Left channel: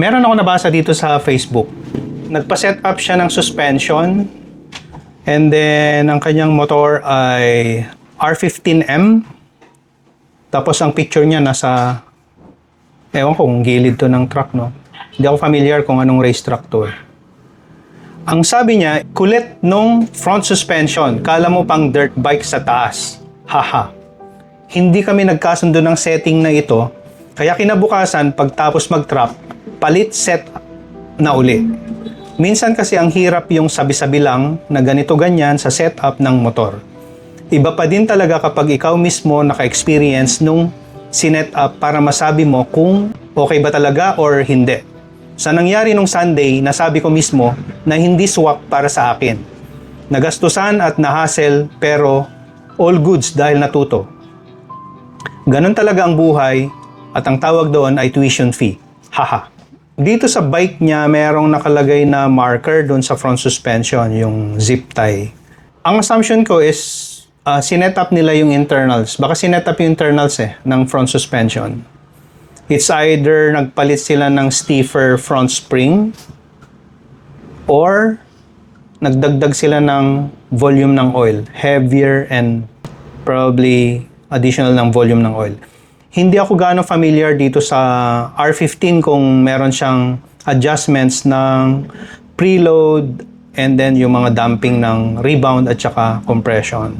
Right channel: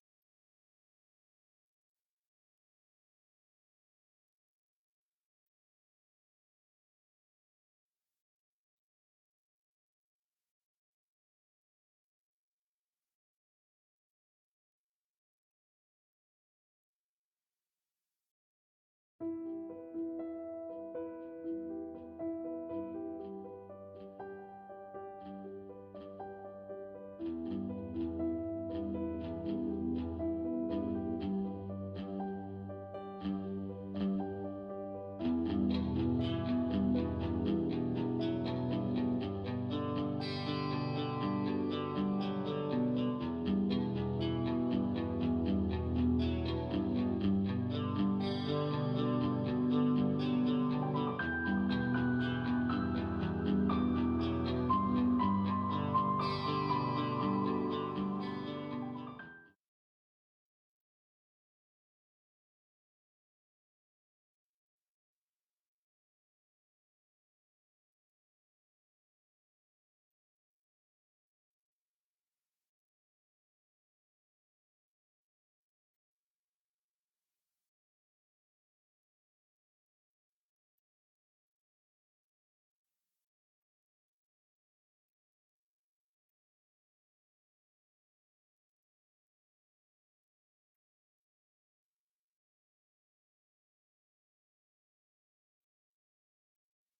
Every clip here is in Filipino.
Meron ako nabasa dito sa Facebook. Nagpa-set up siya ng suspension and then ang kanyang motor ay R15M. Tapos ang picture niya nasa, ewan ko kung gilid to ng truck, no? Hindi ako familiar kung anong race truck to. Ang sabi niya, kulit nung front suspension. Kala mo pang dirt bike sa taas. Haha. Hindi kami nagkasundo ng setting na ito. Kaya kinabukasan, pagtapos mag-trap, palit set na uli. Minsan kasi ang hirap yung sabi-sabi lang na ganito-ganyan sa setup ng motor. Iba pa din talaga kapag ikaw mismo naka-experience nung sinet up para masabi mo kung okay ba talaga or hindi. Sa nangyari nung Sunday, nasabi ko mismo na hindi swak para sa akin. Nagastusan at nahassle pero all goods dahil natuto. Ganon talaga ang buhay at ang tawag doon ay tuition fee. Haha. Dito sa bike niya, merong nakalagay na marker doon sa front suspension, yung zip tie. Ang assumption ko is sinet up nila yung internals. Baka sinet up yung internals ng front suspension. It's either nagpalit sila ng stiffer front spring or nagdagdag sila ng volume ng oil. Heavier and probably additional ng volume ng oil. Hindi ako gaano familiar dito sa R15 kung meron siyang adjustments ng preload and then yung mga damping ng rebound at saka compression.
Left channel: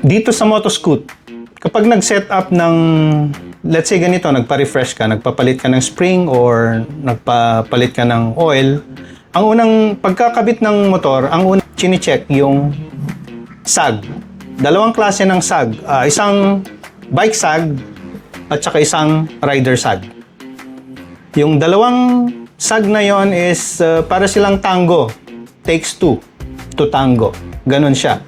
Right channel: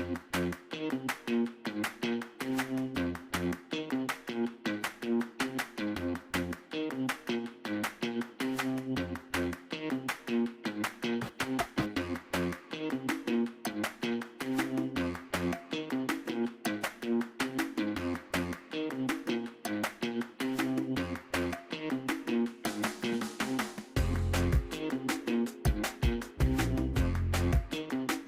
Dito sa Motoscoot, kapag nag-set up ng, let's say ganito, nagpa-refresh ka, nagpapalit ka ng spring or nagpapalit ka ng oil, ang unang pagkakabit ng motor, ang unang chine-check yung sag. Dalawang klase ng sag. Isang bike sag at saka isang rider sag. Yung dalawang sag na yon is para silang tango. Takes two to tango. Ganon siya.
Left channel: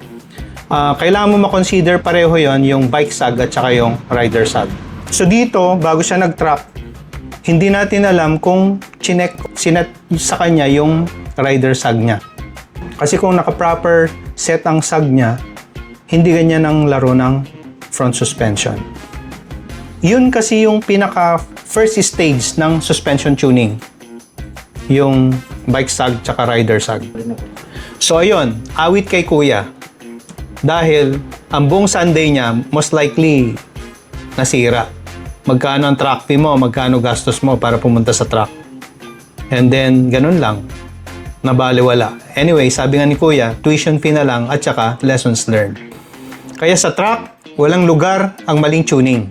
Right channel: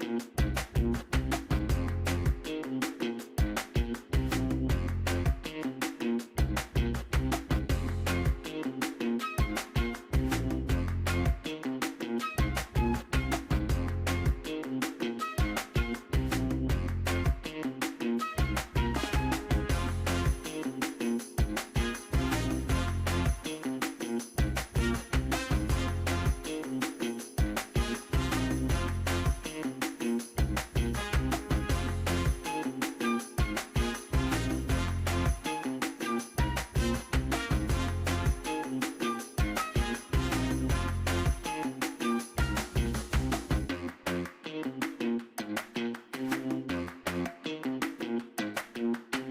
Kailangan mo makonsider pareho yon, yung bike sag at saka yung rider sag. So dito, bago siya nag-trap, hindi natin alam kung sinet sa kanya yung rider sag niya. Kasi kung naka-proper set ang sag niya, hindi ganyan ang laro ng front suspension. Yun kasi yung pinaka first stage ng suspension tuning. Yung bike sag tsaka rider sag. So ayun, awit kay Kuya. Dahil ang buong Sunday niya, most likely, nasira. Magkano ang track fee mo, magkano gastos mo para pumunta sa track. And then, ganun lang. Nabaliwala. Anyway, sabi nga ni Kuya, tuition fee na lang at saka lessons learned. Kaya sa track, walang lugar ang maling tuning.